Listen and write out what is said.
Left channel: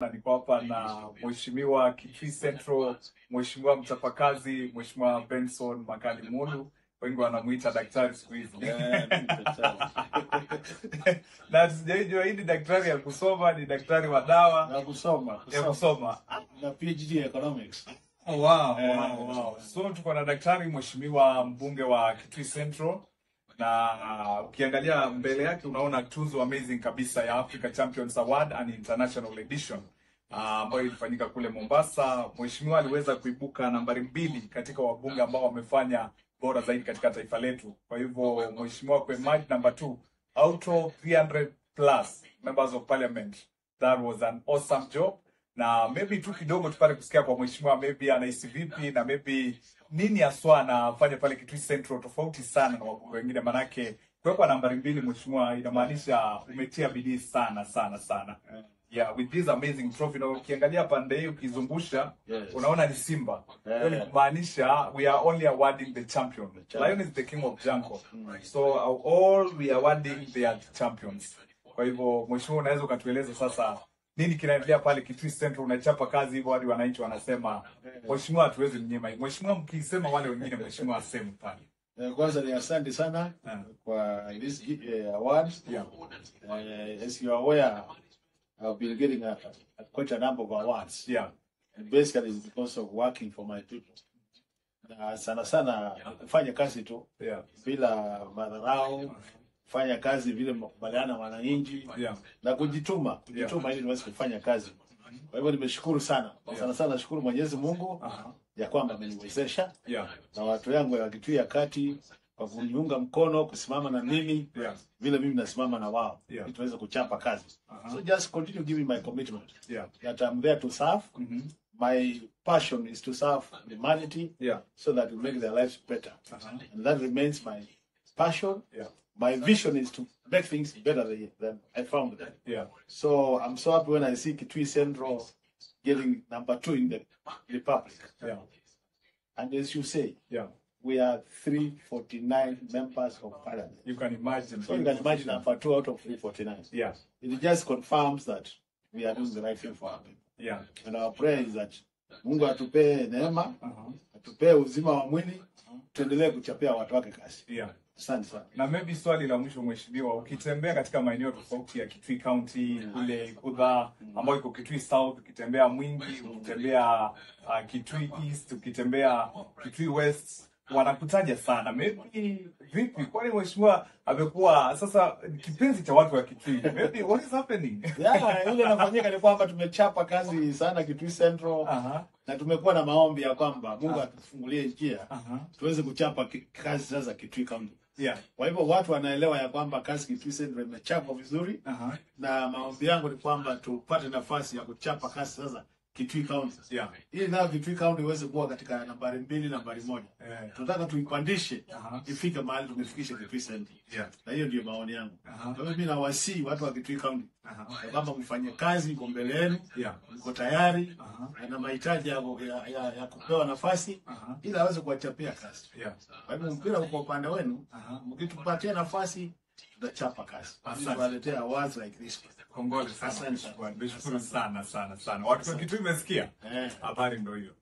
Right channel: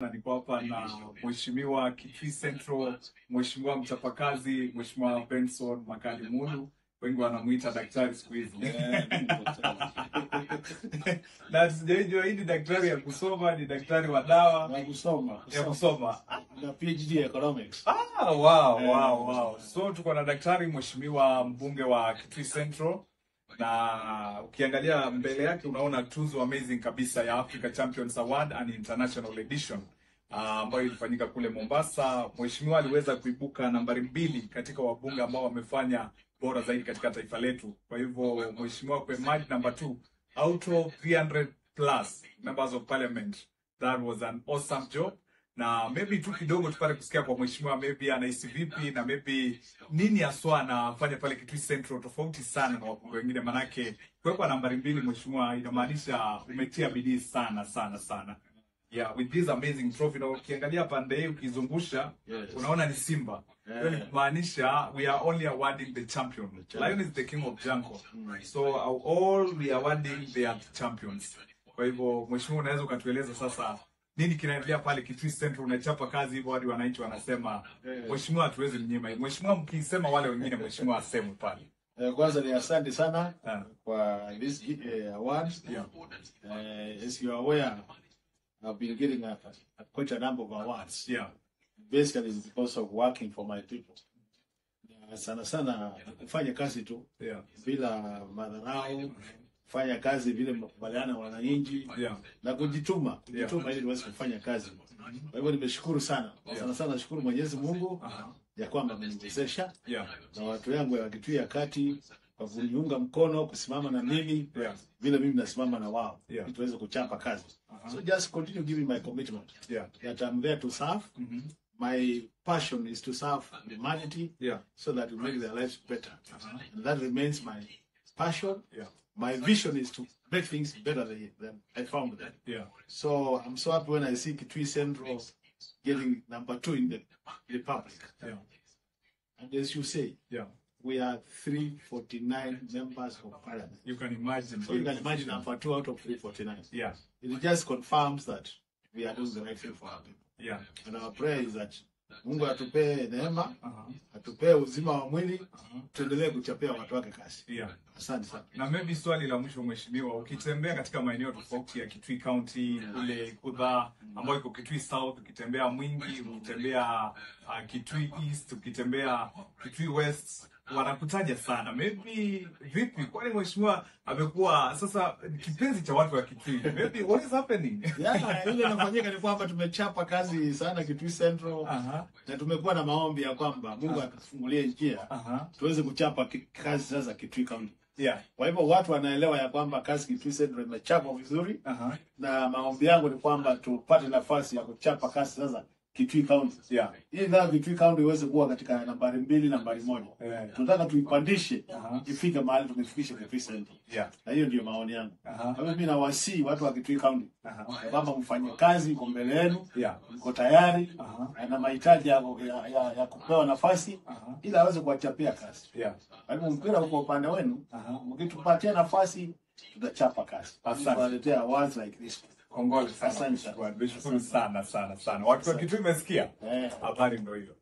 Na niko hapa na Mheshimiwa Kitui Central, Mheshimiwa mchapakazi, Mheshimiwa Benson Makali Mulu, wengi wanamuita daktari siku hizi. Na sijajua hii ni daktari ya kusoma, ni daktari wa dawa na kusoma. Na PhD economics. Wow. So tuko na daktari Mheshimiwa mbunge wa Kitui Central, na ukiangalia mbele yake unaona tuzo amazing kabisa ya Africa Champions Award and International Edition ambayo ilifanyika kule Mombasa. Mheshimiwa aliweza kuibuka nambari 2 katika wabunge ambao wamefanya bora zaidi katika taifa letu. Kwa hivyo Mheshimiwa kwa emerge number 2 out of 300 plus members of parliament. That was an awesome job. Na maybe tu kidogo tupate kusikia kwa Mheshimiwa maybe anahisi vipi na maybe nini aswa anafanya pale Kitui Central tofauti sana na wabunge wengine, manake kwa nambari 2 Mheshimiwa inamaanisha umetia bidii sana. Yeah, with this amazing trophy. Na ukiangalia pande hii ukizungusha, unaona ni Simba. Hiyo ni kumaanisha we are only awarding the champion. Lion is the king of jungle. So all we are awarding they are champions. Kwa hivyo Mheshimiwa unaweza ukatueleza sasa nini kinaendelea pale Kitui Central? Unachapa kazi hivyo hadi wananchi wanasema Mheshimiwa hatuwezi mnyima. Mheshimiwa mkisema wale wengine Mheshimiwa aseme pale. Kwanza ni asante sana kwa this award. As you are aware, I've been getting quite a number of awards. And basically it's because of working for my people. Na sana kufanya kazi tu bila madharau, kufanya kazi vile makubaliana wananchi na kujituma ili niweze kufanya kazi. Kwa hivyo nimeshukuru sana. Sana nashukuru Mwenyezi Mungu ya kwamba ameniwezesha na watu yangu ya Kitui ya Kati kwa kuniunga mkono, kusimama na mimi vile mimi nasimama na wao ili tuweze kuchapa kazi. So just continue giving my commitment. That I'm there to serve. My passion is to serve humanity so that we make their lives better. And that remains my passion. My vision is to make things better than I found them. So I'm so happy when I see Kitui Central getting number 2 in the Republic. And as you say, we are 349 members of parliament. You can imagine. So you can imagine number 2 out of 349. It just confirms that we are doing the right thing for our people. And our prayer is that Mungu atupe neema, atupe uzima wa mwili, tuendelee kuchapia watu wake kazi. Asante sana. Na maybe swali la mwisho Mheshimiwa, ukitembea katika maeneo tofauti ya Kitui County, kule Kudha ambayo iko Kitui South, ukitembea Mwingi, ukitembea Kitui East, ukitembea Kitui West, wanakutaja sana. Maybe vipi? Kwani Mheshimiwa amekuwa sasa kipenzi cha watu wa Kitui? Maybe what is happening? Ile inafanyika ni kwamba tumechapa kazi sana Kitui Central. Na tumekuwa na maombi ya kwamba Mungu atufungulie njia tuweze kuchapa kazi sasa Kitui County. Kwa hivyo watu wanaelewa ya kwamba kazi Kitui Central imechapa vizuri. Na maombi yangu ni kwamba tupate nafasi ya kuchapa kazi sasa Kitui County. Ili ndio Kitui County iweze kuwa katika nambari 2, nambari 1. Tunataka tuipandishe ifike mahali tumefikisha Kitui Central. Na hiyo ndio maoni yangu. Kwa hivyo mimi nawasihi watu wa Kitui County ya kwamba mfanye kazi kwa mbele yenu, mko tayari na mahitaji ya kupewa nafasi ili aweze kuwachapia kazi. Kwa hivyo mpira uko upande wenu, mkitupatia nafasi tutachapa kazi. Tunaletea awards like this. Kongole sana. Asante sana. Watu wa Kitui mmesikia? Habari ndio hiyo.